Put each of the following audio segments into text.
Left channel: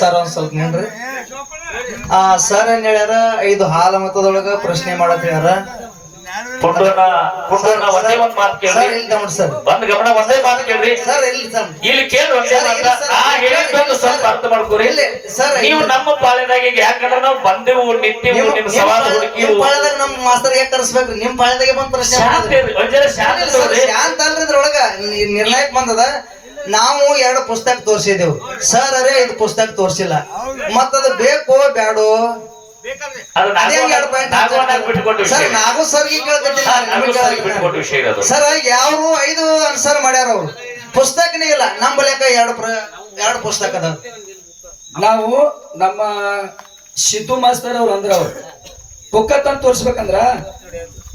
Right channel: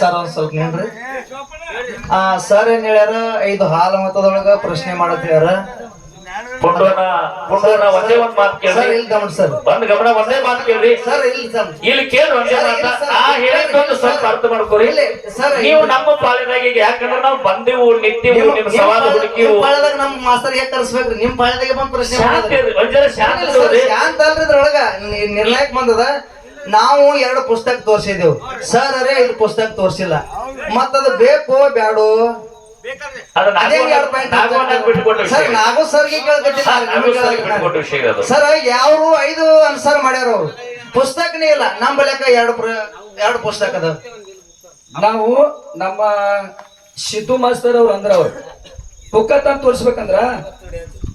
Sir ಒಂದ್ ಸ್ವಲ್ಪ ನಿನ್ರಿ. Sir ಏನ್ ಹೇಳ್ಯಾರ, 5 ಹಾಲ ಮತದೊಳಗ ಪ್ರಶ್ನೆ ಮಾಡತ್ ಹೇಳ್ಯಾರ. ಪುಂಡೋಣ ಒಂದೇ ಒಂದ್ ಮಾತು ಕೇಳ್ರಿ ಸರ್. ಬಂದ್ ಗಮನ ಒಂದೇ ಮಾತು ಕೇಳ್ರಿ ಸರ್ ಇಲ್ಲಿ ಕೇಳ್ರಿ. ಹೇಳಿದ್ದೊಂದು ಸ್ವಲ್ಪ ಅರ್ಥ ಮಾಡ್ಕೋರಿ. ನೀವು ನಮ್ಮ ಪಾಳೆದಾಗ ಈಗ ಯಾಕಂದ್ರೆ ನಾವು ಬಂದೆವು ನಿಂತೀವು ನಿಮ್ ಸವಾಲು ಹುಡುಕಿವು. ಪಾಳೆದಾಗ ನಮ್ ಮಾಸ್ತರ್ ಯಾಕೆ ಕರ್ಸ್ಬೇಕ್ರಿ? ನಿಮ್ ಪಾಳೆದಾಗೆ ಬಂದ್ ಪ್ರಶ್ನೆ ಶಾಂತ ಅಲ್ರಿ. ಇದ್ರೊಳಗ ನಿರ್ಣಯಕ್ ಬಂದದ. ನಾವು 2 ಪುಸ್ತಕ ತೋರ್ಸಿದೆವು. ಸರ್ ಅರೇ ಇದು ಪುಸ್ತಕ ತೋರ್ಸಿಲ್ಲ, ಮತ್ತದು ಬೇಕು ಬ್ಯಾಡು ಸರ್. ಯಾರು 5 ಆನ್ಸರ್ ಮಾಡ್ಯಾರ ಅವ್ರು. ಪುಸ್ತಕನೇ ಇಲ್ಲ. ನಮ್ ಬಳಿಕ 2 ಪುಸ್ತಕ ಅದ. ನಾವು ನಮ್ಮ ಸಿದ್ದು ಮಾಸ್ತರ್ ಅವ್ರು ಅಂದ್ರ ಅವ್ರು ಬುಕ್ಕ ತಂದು ತೋರಿಸ್ಬೇಕಂದ್ರ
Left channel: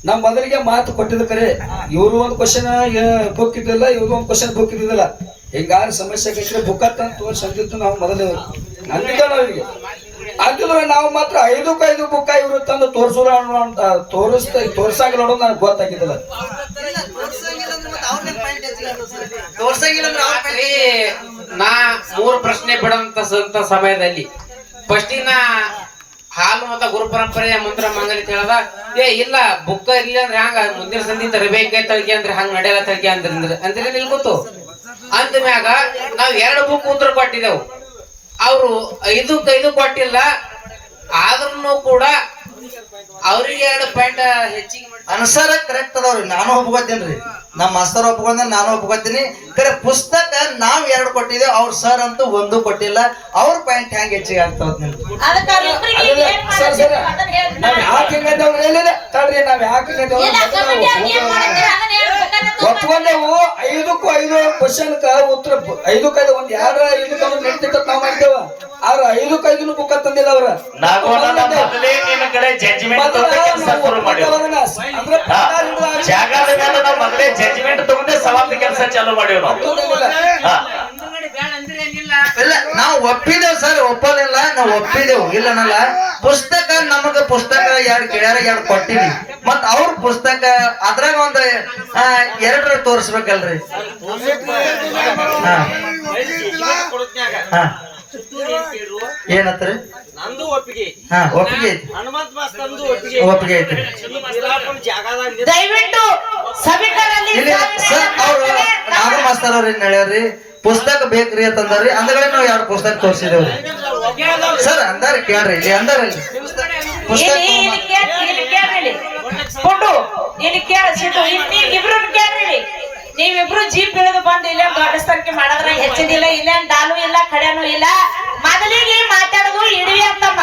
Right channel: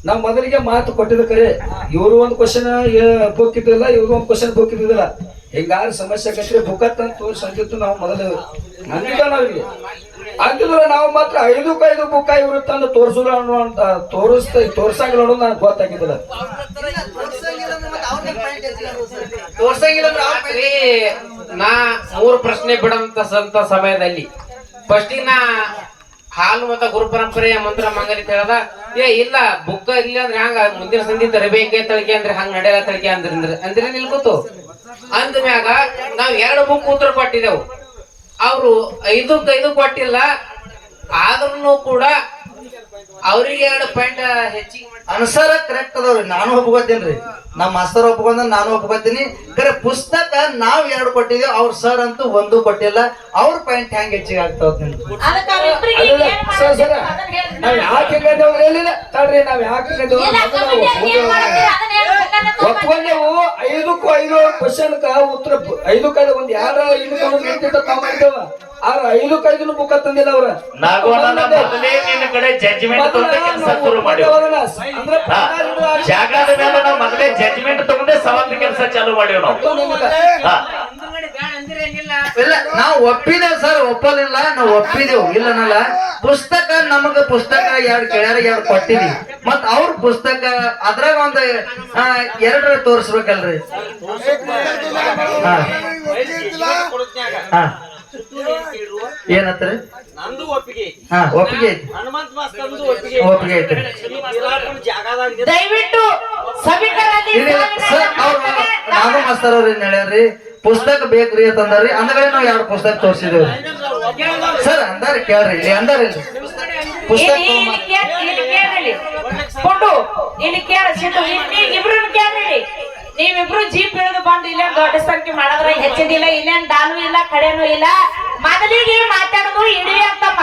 ನಾವ್ ಮೊದಲಿಗೆ ಮಾತು ಕೊಟ್ಟಿದ್ ಕರೆ. ಇವ್ರು ಒಂದ್ ಕ್ವಶನ್ ಬುಕ್ ಇದ್ದಿಲ್ಲ, ಇವ್ರು ಒಂದ್ ಕ್ವಶನ್ ಬುಕ್ ಇದ್ದಿಲ್ಲ. ಹಿಂಗಾರ ಸಮಸ್ಯೆ ಆಗೈತ್ರಿ, ಬುಕ್ಕ ತಂದು ತೋರಿಸಿದ್ದು ನಾವು ಮೊದಲೇ ನಂಬಿದ ನಾವಿಗೆ ಅಂತಿದ್ರೆ ನಾವು ಮಾತ್ರ 5 ಬುಕ್ಕ ಇವ್ರು ತಂದು ತೋರ್ಸೋಣ ಅಂತ ತೋರ್ಸಾಗಿಲ್ಲ ಅನ್ನೋದು ನನಗೆ ಗೊತ್ತಾಗಿದ್ದಿಲ್ಲ. ನಾ 3 ಪ್ರಶ್ನೆ ಬಿಡಂತ ಸಮಯದಲ್ಲಿ ಫಸ್ಟಿಗೆ ನಾ ಹಾಲು ಮತ್ತ ಗುರು ಪರಂಪರೆಯ ಮಂತ್ರ ಮಂಗಲಿ ಹೇಳದ. ಇಲ್ಲ ಬುಕ್ಕ ಇಲ್ಲ ಅಂದ್ರೆ ಹಂಗ ಮುಂದಿನ ಸಂಧಿ ತರಬೇಕೆ ತಳಿಕೆ ಅಂದ್ರೆ ಹಂಗ ನಡೆಯಲ್ಲ ತಳಿಕೆ ಅಂದ್ರೆ ನಿಲ್ಕೊತು ಅಂದ ಮ್ಯಾಗ ನಾವ್ 2 ಬುಕ್ ಉತ್ತರ ಕೊಟ್ಟಿದ್ದೆವು. ಅವ್ರು 5 ಕೊಟ್ಟಿಲ್ಲ. ಆದ್ರೂ ಕೂಡ ಅವ್ರಿಗೆ 2 ಪಾಯಿಂಟ್ ಹೆಚ್ಚಿಗೆ ಅನ್ಸರ ಕರೆಕ್ಟ್ ಅದಾವ್ರಿ. ನಾನು ಒಪ್ಕೋತೀನ್ರಿ, ನಮ್ಮ ಮಾಸ್ತರ್ ಒಪ್ಕೊಂಡ ನಾನು ಒಪ್ಕೋತೀನಿ. ಕರೆ ಪುಸ್ತಕ ನಾವ್ 2 ಕೊಟ್ಟಿದ್ದೇವೆ, ಅವ್ರ ಸರ್ ಅಂತೂ 1 ಕೊಟ್ಟಿಲ್ಲ. ಅವ್ರ ಪಾಯಿಂಟ್ ಹೆಂಗ್ ಹೆಚ್ಚಿಗೆ ಆಗ್ತಾವ ಒಪ್ಕೊಂಡೆವು. 5ಕ್ಕೂ 5 ಕ್ವಶನ್ ಉತ್ತರ 5ಕ್ಕೆ ಒಂದ್ 2 ನಡೀತಿತ್ತ ನಾವ್ ಮಾಡಿದ್ದೇವ. ಆದ್ರೆ 5ಕ್ಕೆ 5 ಬುಕ್ಕ ತಂದಿಲ್ಲ ಅವ್ರ. ಜಡ್ಜ್ಮೆಂಟ್ ತಗೊಂಡೆ ಸವಾಲ್ ಕೆಲಸ ಚಾಲೂ ಮಾಡಿವ್ ನಾವು ಒಪ್ಪಿದೇವ್ ಸರ್, ಒಪ್ಪಲಿಲ್ಲ. ನಾವು ಒಪ್ಪಿದೆವು, ಇಲ್ಲನಲ್ಲ. ಪುಸ್ತಕ ನಮಗ ಪುಸ್ತಕ 2 ಕೇಳ್ಯಾರ, 2 ಕೊಟ್ಟಿವಿ. ಮತ್ ಅವ್ರ ಪುಸ್ತಕ ಅದ್ರಾಗ ಒಂದ್ 2 ತೋರಿಸ್ಬೇಕಲ್ರಿ. ಏನತ್ರಿ? ಒಪ್ಪಿಗೆ ಐತಿ, ಒಪ್ಪಿಗೆ ಐತಿ. ದಯವಿಟ್ಟು ನಾನು ಮಾಸ್ತರ್ ಅವ್ರ ಏನ್ ಹೇಳ್ಯಾರ್ರಿ, ಪುಸ್ತಕ ಬೇಕ್ರಿ ಅಂತಂದ್ರಿ. ಅಂದ್ಗಡೆ ನಾವ್ 2 ಪುಸ್ತಕ ತೋರ್ಸಿದೇವ್ರಿ ಸರ್. ಅಂದಾರ ಕೇಳ್ರಿ, ಇಲ್ಲಿ ಅಂದಾರ ಪುಸ್ತಕ ನೀವಿಬ್ರು ಜೀಪ್ ಇಳಿದು ಬಂದು ಇಲ್ಲ ದೊಡ್ಡ ಸಂಖ್ಯೆ ಮಾಡಿದ್ರ ಹೆಚ್ಚಿದಿಲ್ಲ. ಇಲ್ಲೇನ್ ಡಾಲು ಇಲ್ಲ, ಕಡೆನೂ ಇಲ್ಲ. ಮೊದಲಿಗೆ ಮಾತಾಡೋದು ಇಡೀ ಅಂತಮ್ಮ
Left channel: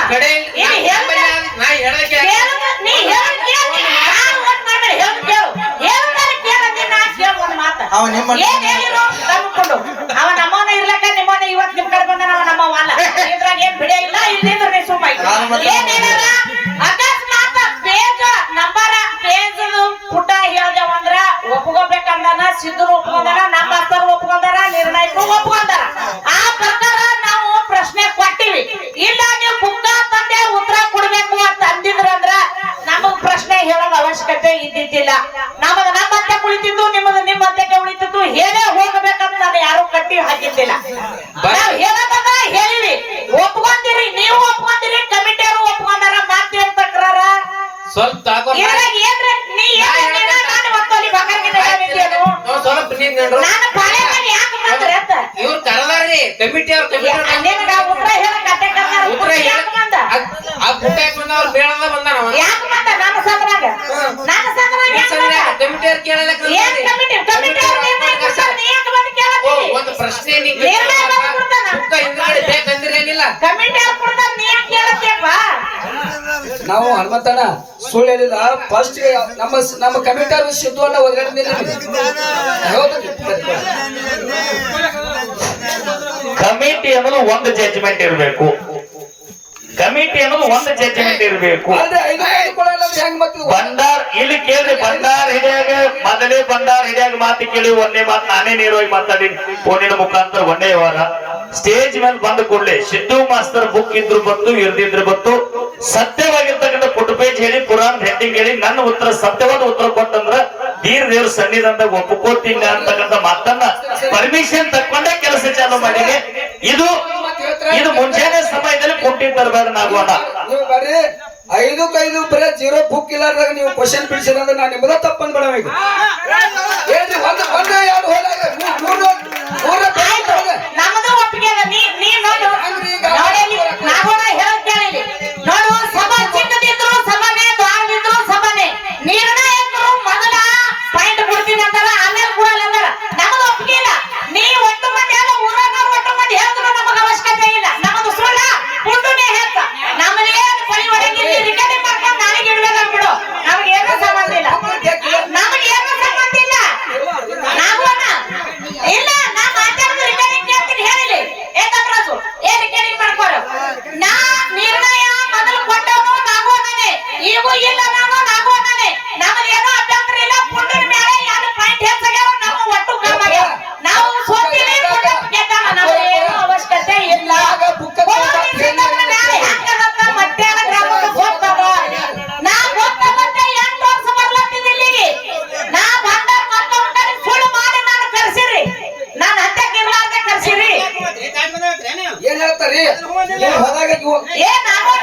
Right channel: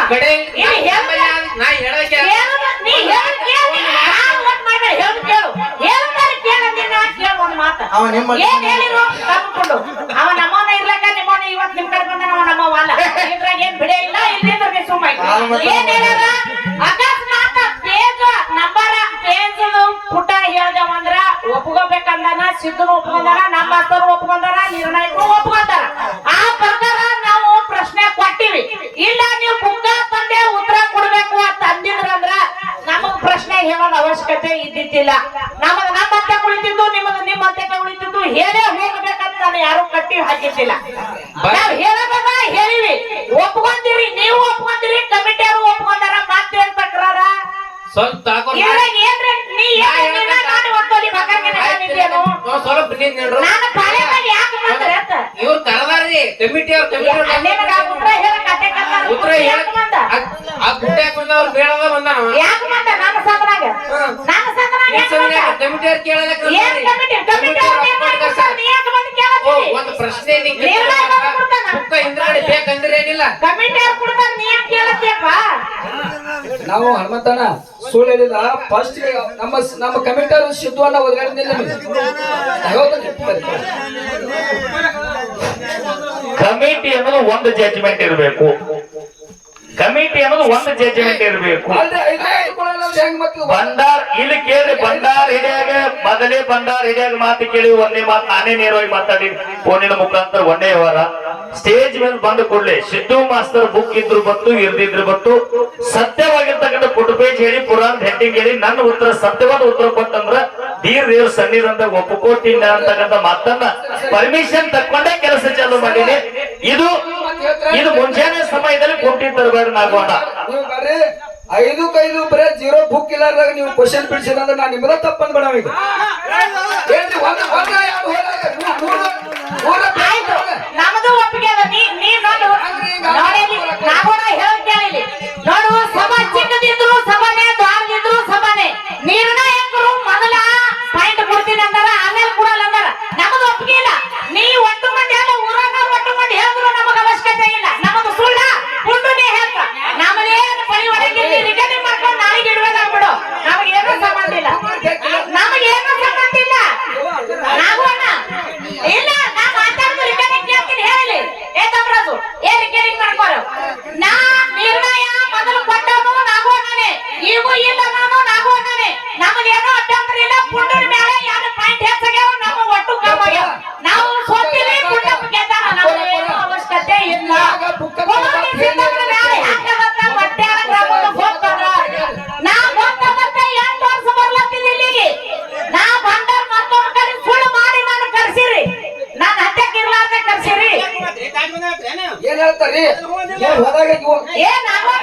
ಅವ ನಮ್ಮನ ಇರ್ಲಕ್ಕ ನಿಮ್ಮನ ಇವತ್ ನಿಮ್ ಕಡೆ ಬಂದ ನಮ್ಮವ ಅಲ್ಲ. ಇದ್ರಾಗ ಏನ್ ಬಿಡೇ ಇಲ್ಲ. ಇಲ್ಲಿಂದ್ರೆ ಸುಮ್ಮ ಅಕಸ್ಮಾತ್ ಪೇಜ್ ನಂಬರ್ ಪೇಜ್ ಪುಟ ಹೇಳ್ದೇವಂದ್ರ ಒಪ್ಕೋಬೇಕಂದಾನ. ಸಿದ್ಧರು ಒಪ್ಕೊಂಡಾರ, ನಮ್ಮ ಮಾಸ್ತರು ಒಪ್ಕೊಂಡಾರ, ನಿರ್ಣಾಯಕರು ಒಪ್ಕೊಂಡಾರ. ಆ ಪ್ರಕಾರ ನಾವು ಪ್ರಶ್ನೆ ಕೊಟ್ಟಿವಿ. ಇಲ್ಲ ನೀವು ಬುಕ್ಕ ತಂದೆ ಉತ್ತರ ಕೊಡ್ಬೇಕು ಅಂತ ಅಂದಿದ್ರಂದ್ರ ನಮಗ್ ಪ್ರಶ್ನೆ ಹೇಳೋದ ಅವಶ್ಯಕತೆ ಇದ್ದಿದ್ದಿಲ್ಲ. ನಮ್ಮಂತೆ ಉಳಿತಿದ್ದು, ನಿಮ್ಮದು ನಿಮ್ಮಂತೆ ಉಳಿತಿದ್ದು. ಹೇಳೇ ಹೋಗ್ಬೇಕಂತ ನಾನು ಯಾರು ಕಟ್ಟಿ ಹಾಕಿದ್ದಿಲ್ಲ. ನಾವ್ ಹೇಳೋದನ್ನ ಹೇಳಿವಿ, ಒಪ್ಕೊಂತೀರಿ. ನೀವು ಒಪ್ಕೊಂತೀರಿ, ಕಮಿಟಿಯವರು ಒಪ್ಕೊಂಡಾರ. ಮಾತೇನ್ ತಕ್ರಾರ ಸ್ವಲ್ಪ ಇವ್ರು ಕರದಾರ್ರಿ ಕಮಿಟಿ ಅವ್ರ ಉತ್ತರ ಅವ್ರು ಬೇಡದ ಬಂದಾನ. ಕಮಿಟಿ ಅವ್ರು ಕೇಳಲ್ಲ. ಒಂದು ಪ್ರಶ್ನೆ ಹಿಂದ್ಗಡೆ ಬೇಕಂದ್ರೆ ಏನಿಲ್ಲ. ನಾವು ಹನುಮಂತಣ್ಣ ಸುಳ್ಳು ಹೇಳಿಲ್ಲ. ಫಸ್ಟ್ ನಮ್ಮ ಕಮಿಟಿ ಸಿದ್ದು ಅನ್ನ ಒಳಗಡೆ ಕಮಿಟಿ ಅನ್ನೋದು ಒಂದು ಜಡ್ಜ್ಮೆಂಟ್ ಇರಬೇಕು. ಕಮಿಟಿ ಅನ್ನೋದು ಒಂದು ಜಡ್ಜ್ಮೆಂಟ್ ಇರಬೇಕು. ಬಂಡಾರ್ ಇಲ್ಲಿ ಕೇಳಿ, ಬಂಡಾರ್ ಹಿಡಿಯಾಗ ಮೊದಲೇ ಬಂಡಾರ್ ಹಿಡಿಯಾಗ ಮಾತು ಕೇಳಿ ಒಂದೇ ಮಾತು ನಾನೇ ನೇರವಾಗಿ ಮಾತಾಡಿ ಫೋನಿನ ಮುಖಾಂತರ ಒಂದೇ ವ್ಯವಹಾರ. ಸ್ಟೇಜ್ ಮೇಲೆ ಬಂದ ಕೂಡಲೇ ಸಿದ್ದು ಮಾಸ್ತರ್ ಬುಕ್ ಇದ್ರು ಬತ್ತು, ಇರ್ದಿದ್ರು ಬತ್ತು, ಸತ್ಯವಾಗಿರ್ತಕ್ಕಂಥ ಫುಟ್ ಪೇಜ್ ಹೇಳಿ, ಪುರಾಣ ಹೆಡ್ಡಿಂಗ್ ಹೇಳಿ, ನನ್ನ ಉತ್ತರ ಸತ್ಯವಾದ ಉತ್ತರ ಕೊಟ್ಟಂದ್ರ ದೇವ್ರ ಸನ್ನಿಧಾನದಾಗ ಒಪ್ಪಿಕೊಟ್ಟಿಲ್ಲ ಅಂತಕ್ಕಂಥ ಮಾತನ್ನ ಪರ್ಮಿಷನ್ ತಕ್ಕೊಂಡೇ ಕೆಲಸ ಚಾಲು ಮಾಡೀನಿ. ಇದು ಕೇಳ್ತಾರೆ ಇದು ಮುಂಜಾನೆ ಸಮಯದಲ್ಲಿ ಕುಂಟಿ ತರಬೇಡ ನಾಗೋಣ. ನೀವು ಬರ್ರಿ 5 ಬರೇ 0 ಬುಕ್ ಇಲ್ಲಾರ್ದಾಗ ನೀವು ಕ್ವಶನ್ ಬಿಡಿಸಿದ್ರೆ ನಾನು ನಿಮ್ಮದ ತಪ್ಪಂದ್ ಬೇಡ ಈಗ ಹೇಳ್ರಿ ಒಂದ ಯಾರು ಹೋದಾಗ ಮೂರ ನಮ್ದು ಒಪ್ಪಿಗೆ ಅದ. ನೀ ನೋಡು ನೋಡಿ ನಾಗೋಣ ಹೇಳ್ತೇನೆ ನೋಡು ಸಭಾ ಚಿಕ್ಕದಿದ್ರು ಸಭಾನೆ ದ್ವಾರದಿದ್ರು ಸಭಾನೆ ನಿರ್ಣಾಯಕರು ಮೊದಲ ಪಾಯಿಂಟ್ ಕೊಡ್ತೀನಿ ಅಂತಾರ ಆಮೇಲೆ ಕೊಡಲ್ಲ ಅಂತಾರ. ನಮ್ದು ಒಪ್ಪಿಗೆ ಇಲ್ಲ. ನೀ ಒಟ್ಟು ಮಂದಿ ಅಲ್ಲ ಊರಾಗ ಒಟ್ಟು ಮಂದಿ ಹೇಳಿದ್ರು ನಮಗೆ ಅವಶ್ಯಕತೆ ಇಲ್ಲ. ನಮ್ಮದು ಸುಳ್ಳ ಪುಂಡುನೇ ಹೇಳ್ತ ನಮ್ಮದೇನು ಪರಿವರ್ತನೆ ರಿಕಾರ್ಡಿಂಗ್ ಮಾಡ್ಕೊಂಡು ನಾಳೆಗೆ ಇಡ್ಬೇಕಂದ್ಬಿಡು. ನಮಗೇನು ಸಂಬಂಧ ಇಲ್ಲ. ನಮಗೇನು ಸಂಬಂಧ ಇಲ್ಲ. ನಾಗೋಣ ಇಲ್ಲ ನಾ ಮಾತಾಡೋದು ರಿಕಾರ್ಡಿಂಗ್ ಕೇಳ್ತೀನಿ ಹೇಳಿ ಏ ತಮರಾಜು ಏನ್ ರಿಕಾರ್ಡಿಂಗ್ ಮಾಡ್ಕೋರು. ನಾ ನಿರ್ಣಯ ಮೊದಲು ಕೊಟ್ಟವನು ನಾಗೋಣನೆ ಈಗೂ ಇಲ್ಲ ನಾನು ನಾಗೋಣನೆ. ನಮಗೇನು ಅಭ್ಯಂತರ ಇಲ್ಲ. ಪುಂಡನ ಮೇಲೆ ಯಾರು ಪಾಯಿಂಟ್ ಹೆಚ್ಚಾಗ್ಯಾವ ನಾವು ಒಟ್ಟು ಕಮ್ಮಾಗ್ಯಾವ. ನಾವು ಸೋತಿಲ್ಲ ಪುಂಡ ಗೆದ್ದಾನ. ನಮಗೇನು ಅವಶ್ಯಕತೆ ಇಲ್ಲ. ಪುಂಡನ ಮೇಲೆ ಹಾಕದಂತ ಮಧ್ಯಾಹ್ನ ಗ್ರಾಮದ ಹೋಗ್ತಾರ. ನಾ ಹೋಗ್ತಾ 8 ವರ್ಷ ಬರ್ಲತ್ತೀನಿ ಇಲ್ಲಿಗೆ. ನಾ ಬಂದಾಗ ಮತ್ತೊಂದು ಕಡೆ ಸುಳ್ಳು ಮಾಡಿ ನಾನು ಕರ್ಸಿರಿ. ನಾನು ಹತ್ತಕ್ಕೆ ಇರ್ಲಾರ್ದೆ ಕರ್ಸಿರಿ. ಏನ್ ಹೇಳ್ತಾರಿ ನೀವು ಹೋದಾಗ ಏ ನಾಗೋಣ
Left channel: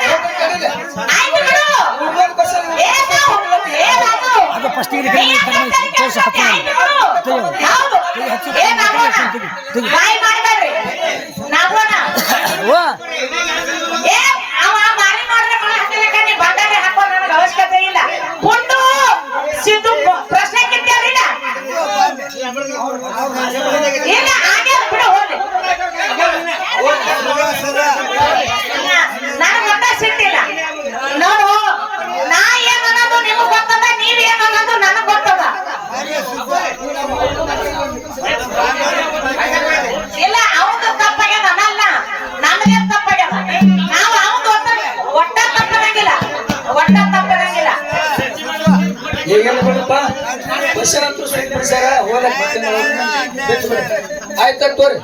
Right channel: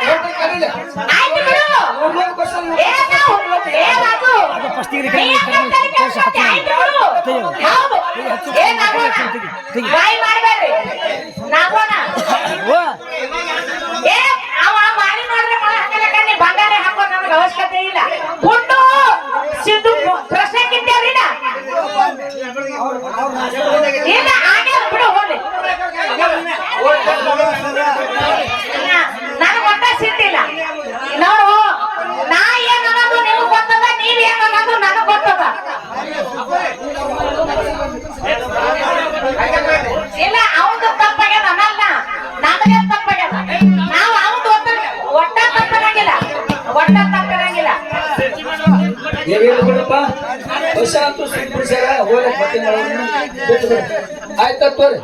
ಆಯ್ತು ಬಿಡು. ಏ ನಾವು ಏ ನಾವು ಹೌದು ಏ ನಾಗೋಣ ಬಾಯಿ ಮಾಡಬೇಡ್ರಿ ನಾಗೋಣ ಏ ಅವ ಮಾರಿ ಮಾಡಿದ್ರೆ ಮಳೆ ಹಾಕಲಕ್ಕ ನೀ ಬಂಗಾರ ಹಾಕೋ ನನಗೆ ಅವಶ್ಯಕತೆ ಇಲ್ಲ. ಪುಂಡು ಸಿದ್ದು ಪ್ರಶ್ನೆ ಕಿತ್ತೇವ್ರಿಲ್ಲ ಇಲ್ಲ ಹಾಗೆ ಬಿಡು ಹೋಗ್ಲಿ. ನನಗೆ ಒಟ್ಟ ಸಿಟ್ಟಿಲ್ಲ. ನೋಡು ನಾ ಏನ್ ಅನ್ನೋದು ನಿಮಗ್ ಗೊತ್ತದ ನೀವ್ ಏನ್ ಅನ್ನೋದು ನನಗ್ ಗೊತ್ತದ. ಇಲ್ಲ ಅವನು ತಪ್ಪಾಗ್ಯದ ಅನ್ನಲ್ಲ ನಮಗೆ ತಪ್ಪಾಗ್ಯದ. ನಾವು ಅವನು ಒಟ್ಟ ತಪ್ಪಿರಂಗಿಲ್ಲ ಒಟ್ಟ ತಪ್ಪಿರಂಗಿಲ್ಲ. ಈಗ ಹೇಳ್ಕೊಡಪ್ಪ ಕ್ವಶನ್ ಅಂತೂ ಸ್ಟ್ರೈಕ್ ಬಿಡಿಸ್ಯಾರ ಓದಕ್ ಬರ್ತೀನಿ ಬಿಟ್ಟು ಬಿಡ ಆಯ್ತ ತೋರಿ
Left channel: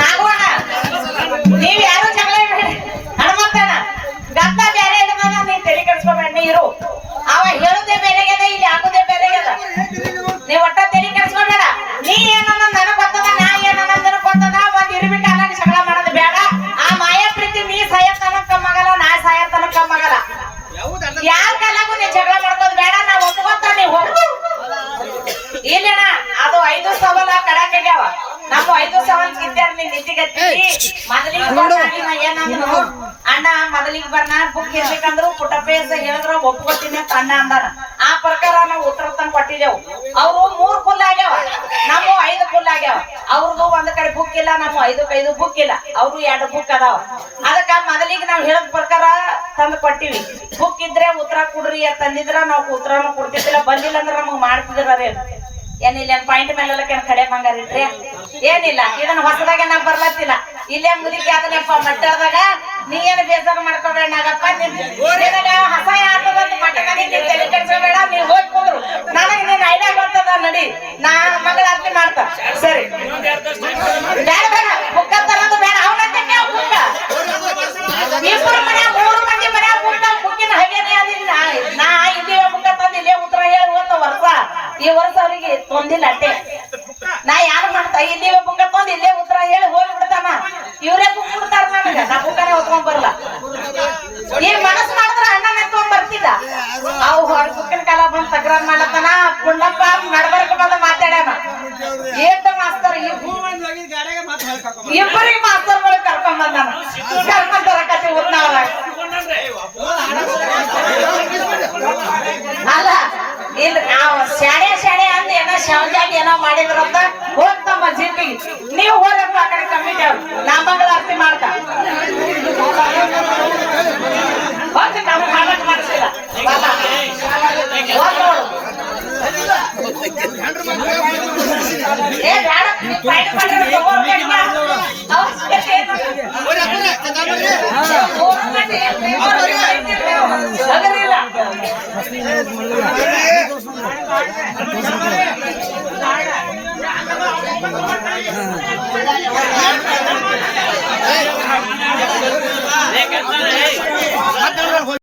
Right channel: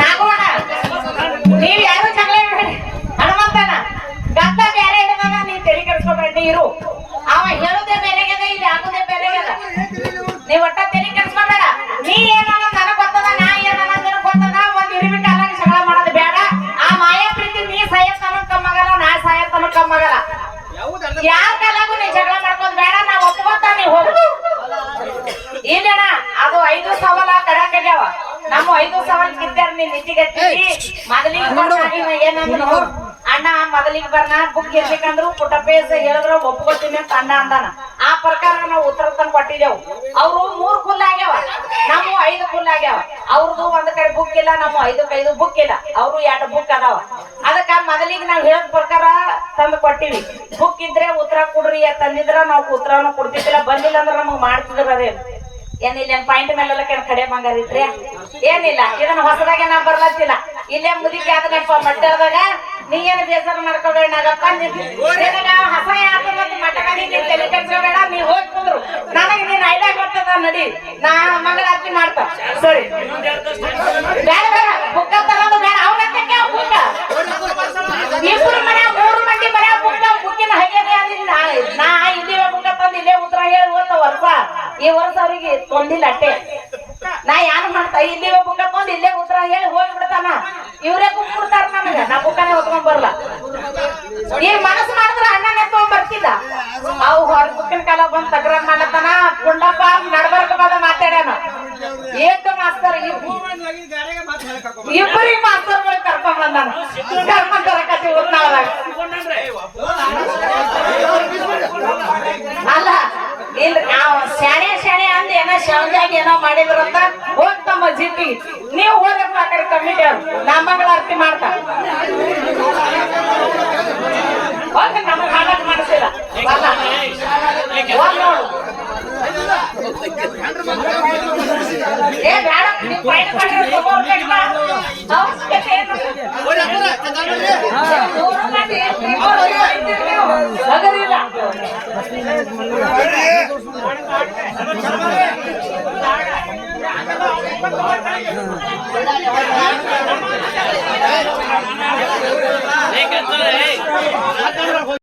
ನಾಗೋಣ ನೀವ್ ಯಾರು ಜಗಳ ಹನುಮಂತನ ಗದ್ದ ಬೇರೆ ಇಡದ ನೀ ತಲೆ ಕೆಡಿಸ್ಕೊಬೇಡಿ. ಇರು ಅವ ಹೇಳುದೇ ಬೇರೆಗದ ಇಲ್ಲಿ ಹಾಕುದೇ ಬೇರೆಗದ. ನೀವ್ ಒಟ್ಟ ತಲೆ ಕೆಡಿಸ್ಕೊಬೇಡ. ನೀ ಏನನ್ನ ನನಗ್ ಗೊತ್ತದ ನಾ ಏನನ್ನ ನನಗ್ ಗೊತ್ತದ. ಒಂದ್ ಇರಿಬಿಟ್ಟು ಅಲ್ಲಾಗಿ ಜಗಳ ಮಾಡೋದು ಬೇಡ. ಆ ಮಾಯಾ ಪ್ರೀತಿ ನೀ ಸಾಯತ್ತನ ಕಮ್ಮಗಲ್ಲ ನಾ ಸಾಯತ್ತನ ಕಮ್ಮಗಲ್ಲ. ಯಾರ ಕಾಲಾಗೂ ನೀ ಜಗಳ ಮಾಡ್ಕೋದ್ ಬೇಡ. ನಾ ಒಪ್ಕೋತ ನೀ ಹೋಗು ಇಲ್ಲಣ್ಣ. ಅದು 5 ಸವಾಲ ಕಡಾಕ್ಯಾವ. ನಮ್ಮ 5 ಸವಾಲ್ ಕಿತ್ತಾರ ನೀ ನಿಂತಿಗತ್ತಿ ಮೊದಲಿಗೆ ಏನಂದ್ರು ಅಣ್ಣ ಮೊದಲಿಗೆ ಬರ್ನ ಬುಕ್ ಇರ್ಬೇಕಂದ್ರು ಪುಟ್ಟಪೇಸ ಹೇಳಿದ್ರ ಒಪ್ಕೋತೀನಿ ಅಂತ ಅಣ್ಣ ಅಂದಾನ. ಆ ಪ್ರಕಾರ ನಾವು ಉತ್ತರ ತಂದು ಕೊಟ್ಟಿದ್ದೇವು. ಅವ್ರು 3 ಫುಲ್ ಆಗ್ಯಾವ ನಾವು 5 ಫುಲ್ ಆಗ್ಯಾವ. ಅವ್ರದ್ದು ಒಂದ್ ಕಡೆ ಬುಕ್ ಇಲ್ಲ ನಮ್ಮ 5 ಬುಕ್ ಇಲ್ಲ. ಅವ್ರು 2 ಬುಕ್ ಅದಾವ. ಅದಕ್ಕ ಮೊದಲಿಗೆ ನಾವ್ ಹೇಳದ್ ಪ್ರಕಾರ ತಂದು ಕೊಟ್ಟಿವಿ. ಬುಕ್ ಇದ್ರೆ ಉತ್ತರ ಕೊಡ್ರಿ ತಂದಿದ್ರ ನಾವು ಉತ್ತರನು ಕೊಡ್ತಿದ್ದಿಲ್ಲ. ಬಂದಿಲ್ಲ ಅಂದ್ರೆ ನಮಗ್ ಮಾಡ್ತಿದ್ರ ಏನಿಲ್ಲ ಪಾಯಿಂಟ್ ಮೇಲೆಲ್ಲ ಕಡೆ ಬಂಗಾರ ಇಟ್ರಿ ಏನಿಲ್ಲ. ಇದನ್ನ ಹೊಸದಾಗ ನಾ ಬರ್ಲತ್ತಿಲ್ಲ. ಇಲ್ಲೇ ಮುದಿಕೆ ಆದನಪ್ಪ ಮಟ್ಟದಾಗ ನೀ ಏನ್ ಬೇಜಾರು ಮಾಡ್ಕೋಬೇಡ ನಾಗಪ್ಪ. ಹಸ ಯಾತದಂತ ಮಟಕನಿ ತಲೆ ಕೆಡ್ಸಬೇಡ. ನೀವ್ ಹೋಗಿ ಕುಂದ್ರು ನನಗೆ ನೀನ್ ಐಡಿಯಾ ಬರ್ತದ ನಡಿ. ನಾ ಮಗಳ ಅರ್ತಿ ಮಾಡ್ತ ಸರಿ ಬೇಡ ಬೇಡ ಬುಕ್ಕ ತರೋದು ಬೇಡ. ಅವನಂತಕ್ಕೆ ಬುಕ್ಕ 2 ಮನೆ 3 ಮಂದಿ ಮನೆ ಬುಕ್ಕಿನ ಹಾಗೇನೆ ಅದಿಲ್ಲ. ನಾ ಇಲ್ಲೇ ಬುಕ್ಕ ತಂದು ಇಲ್ಲೇ ಉತ್ತರ ಹೇಳಿ ಓದ್ತ ವರ್ಷ ಈ ವರ್ಷ ಅವ್ರಿಗೆ ತೊಂದಿಲ್ಲ ಅಟ್ಟೆ. ನಾ ಯಾರು ಮಾಡ್ತಾ ಇಲ್ಲೇ ಬುಕ್ಕ ತಂದು ಇಲ್ಲೇ ಉತ್ತರ ಹೇಳಿ ಹೋಗ್ಬಿಡ್ತಾನ. ಇವ್ರೇ ಬುಕ್ ಕೊಡ್ತಾರ ನನಗ. ನಾ ಬುಕ್ಕನ ಹೊತ್ಕೊಂಡ್ ಬರಲ್ಲ. ಈ ಮನಸ್ಸು ಮಾಡಿದ್ರ ಅಣ್ಣನ ಎತ್ಕೊಂಡ್ ಬರ್ತಿಲ್ಲ. ಅವು ಹೊರ ಬುಕ್ಕಿನ ಕಾಲ ಬಂದ್ ತಕರಾರ್ ಮಾಡತ್ತಾನ. ಪುಂಡಪ್ಪ ನಡ್ಬರ್ಕ ಬಂದ ಮಾತಾಡ್ಯಾನ. ಏಟ ಮಾಸ್ತರ್ ಇಬ್ಬರಿಗೆ ಮಾಸ್ತರ್ಗಳು ಕರ್ಕೊಂಡ್ ಬಂದಾನ. ಕರ್ಕೊಂಡ್ ಬರಕತ್ತಿ ಊರ್ನವ್ರ ಅಲ್ಲ ಇಲ್ಲ ಶಾಣೆ ಅಂದ ಏನ ಶಾವ್ಯಾಗ ಏನೋ ಮಾಡಿದ್ರಂತ ಹೋಗ್ತಮ್ಮ ಜಿಪ್ಪಿಗೆ. ನೀವು ಹೋಗಪ್ಪ ಆ ಕಡೆ ಕಮಿಟಿ ನಾ ಮಗಳ ಅರ್ತಿ ಮಾಡ್ತಾ ಹೋಗ ನಮಗ್ ಹಾಳಾಗ್ ಮಾಡಿಸಿಲ್ಲ. ಏ ಬೇಡ, ನೀವ್ fight ಮಾಡಿದ್ರೆ ತಗೋಬೇಕು. ಅವಶ್ಯಕತೆ ಏನು? ಮೂರು ಮಂದಿ ಅವ್ರು ಹೊಡಿತಿರ್ಲಿ ಅವ್ರು. ಸಗರಿಲ್ಲ.